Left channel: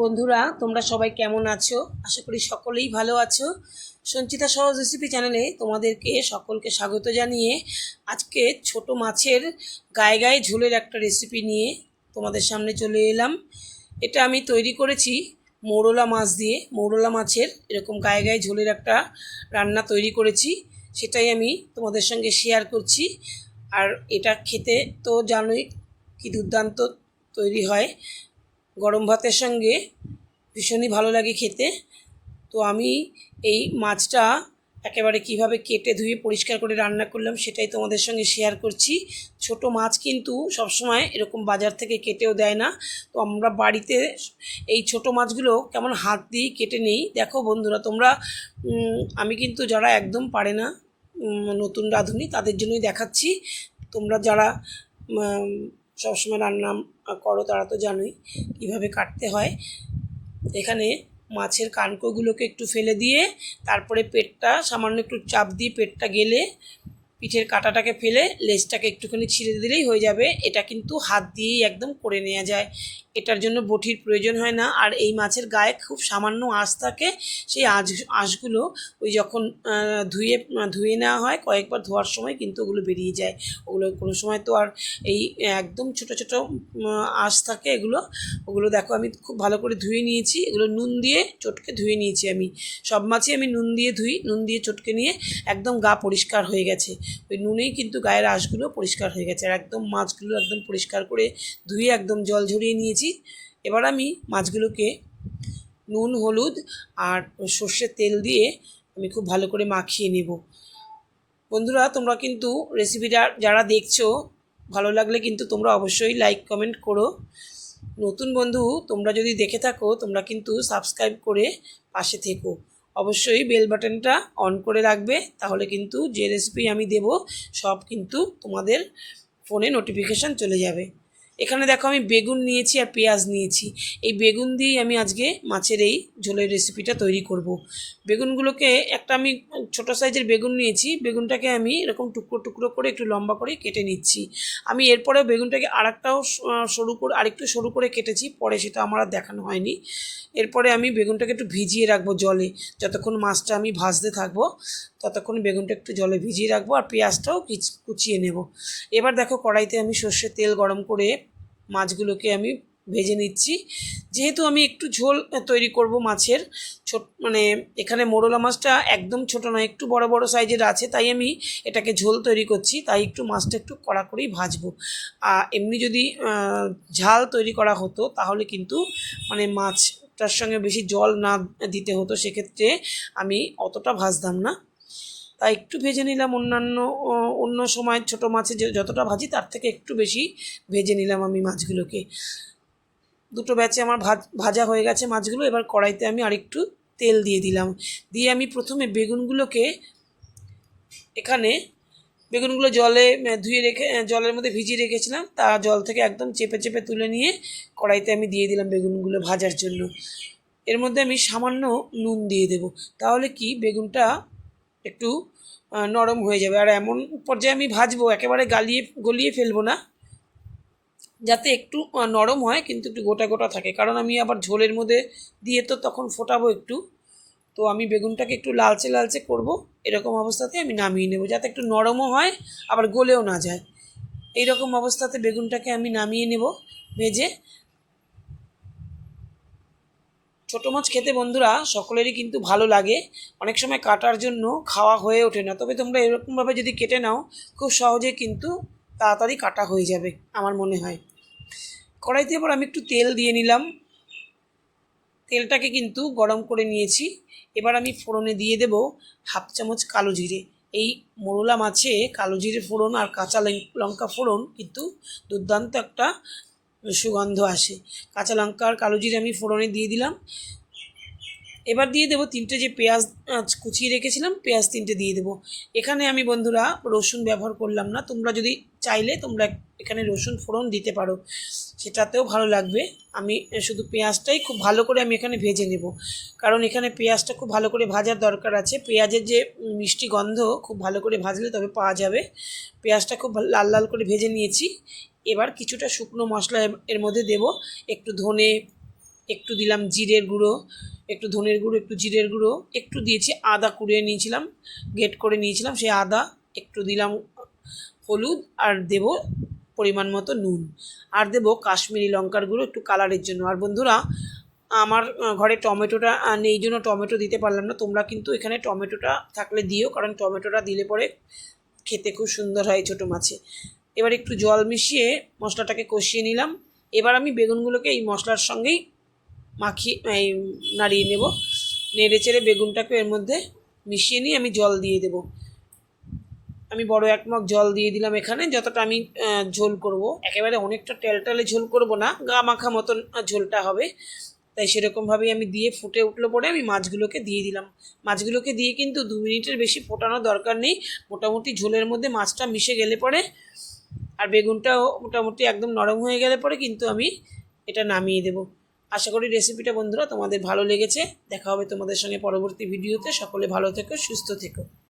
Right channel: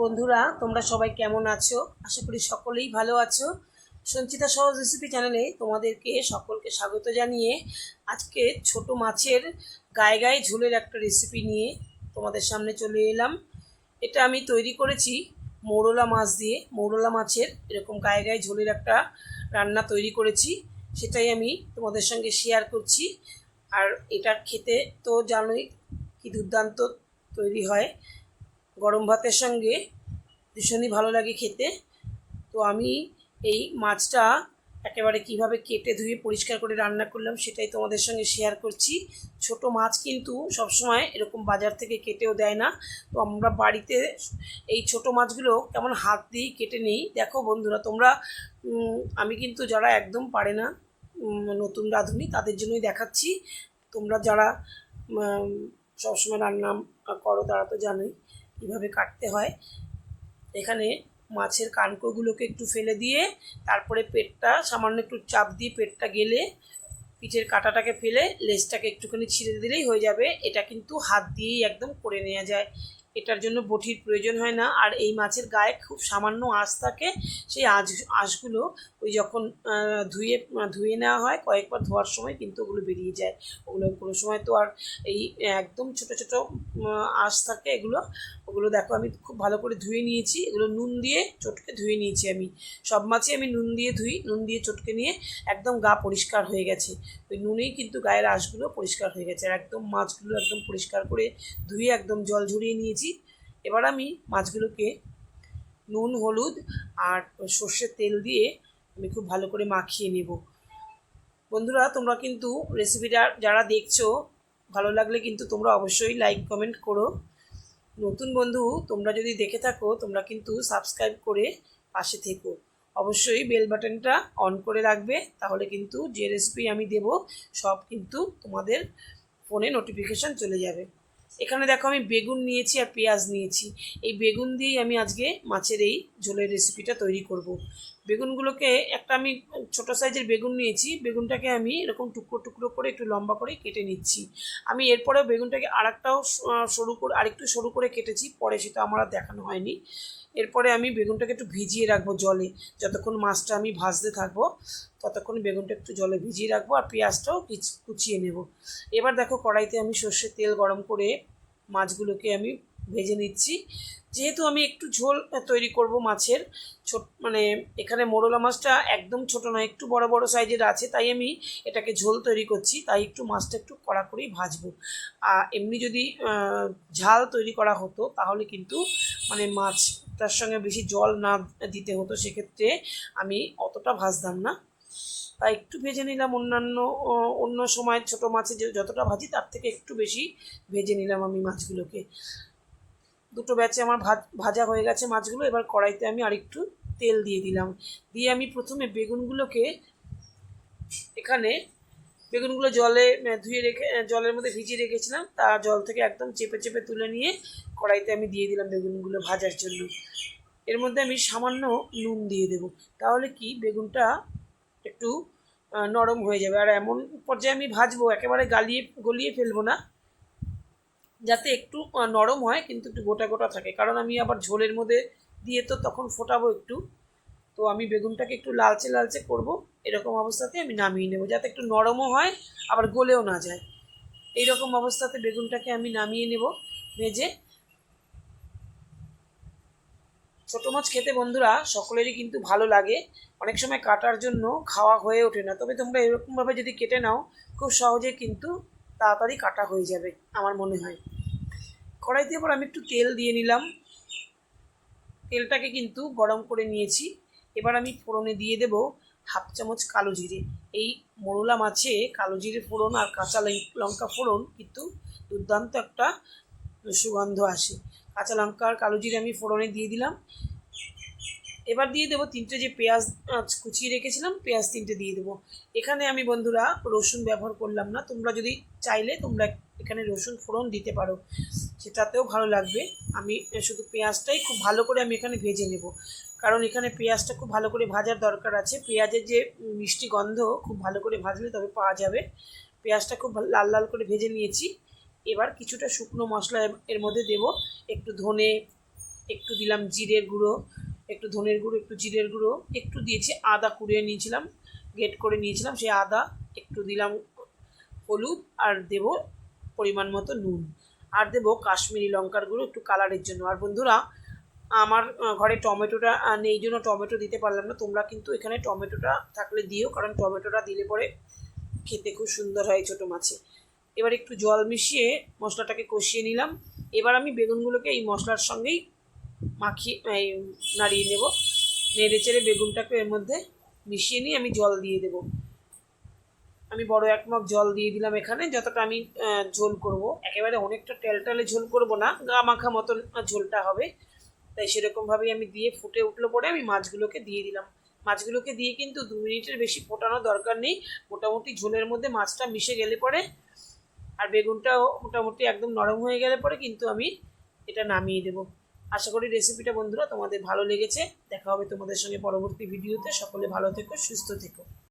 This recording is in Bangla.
বন্ধুরা, তোমরা সবাই কেমন আছো? আশা করি সকলেই ভালো আছো। সঞ্চিতা সহজ রেসিপি চ্যানেলে তোমাদেরকে সকলকে স্বাগত জানিয়ে আজকে ছোট মাছের গায়ে গায়ে ঝোলের একটা রেসিপি নিয়ে তোমাদের সামনে চলে এলাম। এটা আমি তৈরি করেছি মৌরলা মাছ দিয়ে। মৌরলা মাছের এরকম গায়ে গায়ে ঝোলের একটা রান্না তৈরি করেছি, সেটাই আমি তোমাদের সঙ্গে শেয়ার করছি। আর এটা খেতে তো জানোই কি দুর্দান্ত তৈরি হয়, গরম ভাতের সঙ্গে ভীষণই ভালো লাগে খেতে। তো আমি এই মাছটা একেবারে কিভাবে কেটে ধুয়ে পরিষ্কার করে রান্না করলাম সেটাই তোমাদের সঙ্গে শেয়ার করছি। ছোট মাছ কিন্তু সবসময় এরকম বাজার থেকে কেটেও দেয় না। তো আমরা বাড়িতে এই ছোট মাছগুলো কেমন হাত দিয়েই কেটে নেই। দেখো বন্ধুরা, তোমরা আমি কিন্তু যারা একদম পারে না, নতুন রাঁধুনি, তাদের জন্যই দেখাচ্ছি। তোমরা যারা সবসময় রান্না করো তারা তো জানোই কীভাবে কাটতে হয়। এখানে মাছের কানকোগুলোকে একটু ফেলে দিয়ে তারপরে পেটটা সামান্য একটু চাপ দিয়ে পেটটা গেলে পিঠের কাঁটাটাকে ফেলে লেজটাকে একটুখানি ছিঁড়ে দিলেই হয়ে যাবে। এটা কিন্তু হাত দিয়েই একদম করে নেওয়া যায়, এটার জন্য বটির প্রয়োজন হয় না। আর এই মাছের গায়ে খুব সামান্য আঁশ থাকে, সেই আঁশগুলো ওই যখন ধুয়ে নেওয়া হয় কয়েকবার ধোয়ার সময় কিন্তু ওগুলো বেরিয়ে যায়। ওগুলো কোনো সময় তো আর এই একদম ছোট ছোট আঁশ থাকে ওগুলো দেখো আমি খুব ভালো করে ধুয়ে নিয়েছি। এগুলো নুন দিয়ে চটকে ধুয়ে নিয়েছি। আমি সব মাছই আমি নুন দিয়ে ধুই, নুন দিয়ে চটকে নিয়ে একদম গা পরিষ্কার হয়ে গেছে। ওই নুনেই কিন্তু গায়ের আঁশগুলো পরিষ্কার হয়ে গেছে। আর একদম মাছগুলো একদম পরিষ্কার করে ধুয়ে একদম জল ঝরিয়ে নিয়েছি। এবার আমি মাছগুলোকে নুন, হলুদ আর সর্ষের তেল দিয়ে আমি খুব ভালো করে মাখিয়ে নেব। বন্ধুরা, তোমরা কিন্তু রেসিপিটা যারা দেখছো, ভালো লাগলে কিন্তু তোমরা অবশ্যই লাইক কমেন্ট করো। নতুন বন্ধু তোমরা যদি দেখে থাকো, তোমরা কিন্তু সাবস্ক্রাইব করে পাশে থেকো। অবশ্যই বেল বাটনটা অন করে রাখবে, তাহলে কিন্তু যে রেসিপি আমি দেব সব কিন্তু তোমাদের ফোনে নোটিফিকেশান চলে যাবে। এখানে দেখো আমি বেগুন নিয়েছি আর পেঁয়াজ নিয়েছি। এই বেগুন দিয়েই আমি আজকে মাছের এই ঝোলের রেসিপিটা তৈরি করব। বেগুনগুলোকে একটা আমি ছোটো সাইজের বেগুন নিয়েছি। বেগুনটাকে আমি এরকম টুকরো টুকরো করে একটু লম্বা করে কেটে নিচ্ছি। আমি এরপরেও বেগুনটাকে আরেকটু সরু করে কেটেছি, পরে সেটা আমার আর দেখানো হয়নি। এরপরে আমি বেগুনটাকে একটু ভিজিয়ে রাখবো জলে। যতক্ষণ মাছটা আমি ভাজতে থাকবো ততক্ষণ বেগুনটা একটু জলে ভিজিয়ে রাখবো, আর পেঁয়াজটাও কুচিয়ে নেব। এবার দেখো কড়াইতে আমি সর্ষের তেল গরম করে মাছগুলোকে আমি ভেজে নিচ্ছি। যেহেতু আমি একটু ঝোল তৈরি করব মাছের, এখানে মোরলা মাছটা একদম ছোট নয়, একটু বড় বড় সাইজের আছে, তাই আমি এটাকে ঝোল তৈরি করছি। তাই একটু মাছটা একটু কড়া করেই ভাজবো। এমনি যদি ঝাল তৈরি করা হতো তাহলে কিন্তু মাছটার সঙ্গে বেশি জল না দিতে হতো, সেক্ষেত্রে আমি অতটা ভাজতাম না। তাই একটু ভেজে নিলাম। অন্য সময় ছোটো মাছে যতটা ভাজি তার থেকে একটু বেশি ভেজে নিলাম আমি মাছগুলোকে। দুটো ব্যাচে আমার ভাজা হয়ে গেছে মাছগুলো। এবার কড়াইতে আমি আরেকটু তেল দিয়ে দিলাম। দিয়ে আমি প্রথমে বেগুনগুলো জলের মধ্যে ভিজিয়ে রেখেছিলাম, তা জল থেকে একদম চেপে চেপে তুলে নিয়ে কড়াইতে আমি দিয়ে দিলাম বেগুনগুলো ভাজার জন্য। এর মধ্যে আমি সামান্য নুন দিয়ে দেব, তাহলে কি বেগুনটা একটু নরম হয়ে যাবে। আর এমন পর্যায়ে আমি ভাজবো, একেবারে গলিয়ে ফেলবো না, যাতে একটু নরম হয় কিন্তু একটু গোটা গোটা থাকে, কারণ আমি আবার ঝোলের মধ্যে দিয়ে তো তখন ফোটাবো একটু। তো আমি বেগুনটাকে একটু লালচে লালচে করব, এরকম অবস্থাতে আমি নামিয়ে নেব, যাতে একটু নরমও হয় আবার গলেও না যায়। এইরকম অবস্থাতে বেগুনটাকে আমি নামিয়ে নেব ভেজে। ছোটো মাছ খেতে বন্ধুরা সকলেরই কিন্তু ভালো লাগে, অনেক সময় কাটার জন্য খাওয়া হয়ে ওঠে না। তবে তোমরা এরকমভাবে যদি কেটে নাও খুব সহজে কিন্তু তাড়াতাড়ি কাটা হয়ে যাবে আমার মনে হয়। কড়াইতে এবার আমি একটু তেল দিয়ে নিলাম। তেলটাকে কিন্তু গরম করে নিয়েছি। এবার আমি ফোড়নে দিয়ে দেব হাফ চামচ কালো জিরে। এই মোরলা মাছে কালো জিরে ফোড়ন আর কাঁচা লঙ্কা ফোড়ন কিন্তু দুর্দান্ত একটা সুগন্ধ আসে। কাঁচা লঙ্কা আর কালো জিরে আমি ফোড়নে দিয়ে দিলাম। এবার দিয়ে দেবো 3টে যে পেঁয়াজ কুচিয়ে রেখেছিলাম, পেঁয়াজ 3টে দিয়ে দেবো। এখানে আমি বন্ধুরা রসুন ব্যবহার করলাম না, তোমরা যদি চাইলে তোমরা এখানে রসুন ফোড়ন দিতে পারো, সেটাতেও ভালো লাগবে। আমি শুধু পেঁয়াজটাই খুব ভালো করে আমি এখানে ভেজে নেব, কারণ এখানে পেঁয়াজটা খুব ভালো করে ভাজার দরকার আছে। পেঁয়াজের যে মিষ্টি গন্ধ খুব ভালো করে ভাজলে তবে পাওয়া যাবে। পেঁয়াজটা খুব লাল লাল করে ভেজে নিয়েছি। এবার কিছুটা শুকনো মশলা এর মধ্যে দেব, একটু ধনে, একটু দিলাম জিরের গুঁড়ো, একটু ধনের গুঁড়ো, একটু জিরের গুঁড়ো, একটু দিয়েছি আদা কুড়িয়ে নিয়েছিলাম, গ্রেট করে নিয়েছিলাম সেই আদা, একটু দিলাম হলুদ, আর দেব পরিমাণ মতো নুন, আর দেব কাশ্মীরি লঙ্কার গুঁড়ো একটু কালারের জন্য। আর বন্ধুরা, আমার ঘরে টমেটোটা নেই জন্য টমেটো দিতে পারলাম না, তোমরা কিন্তু এখানে টমেটোটা থাকলে দিও, কারণ টমেটোটা দিলে পরে খেতে খুব সুন্দর হয় ছোটো মাছে। এবার একটু জল মিশিয়ে মশলাটাকে কষিয়ে নিলাম। এবার আমি বেগুনগুলোকে এই মশলার সঙ্গেই মাখিয়ে নাড়িয়ে নেব। নেড়ে চেড়ে বেগুনটাকে এর মধ্যে মিশিয়ে নিয়ে আমি জল দিয়ে দেব। আমি বড় এক মগ জল দিয়ে দিলাম এখানে, যতটা আমি ঝোল করব, একেবারে অনেকটা টেলটালে ঝোল করব না, গা মাখা মতন ঝোলটা হবে। তাই সেরকমভাবেই আমি দিয়ে ফুটে উঠলো পরে আমি মাছগুলোকে দিয়ে দিলাম। মাছগুলোকে দিয়ে কিন্তু 2 মিনিটের বেশি ফোটানোর দরকার নেই, মোটামুটি ঝোলের মধ্যে মাছটা মিশে গেলে পরে আর বেগুনটাও মোটামুটি একদম নরম হয়ে গেলে পরে কিন্তু আমি এটা নামিয়ে দেব। আশা করি রেসিপিটা বন্ধুরা তোমাদের ভালো লেগেছে। দেখা হবে তোমাদের সঙ্গে পরবর্তী ভিডিওতে। সকলে ভালো থেকো, সুস্থ থেকো।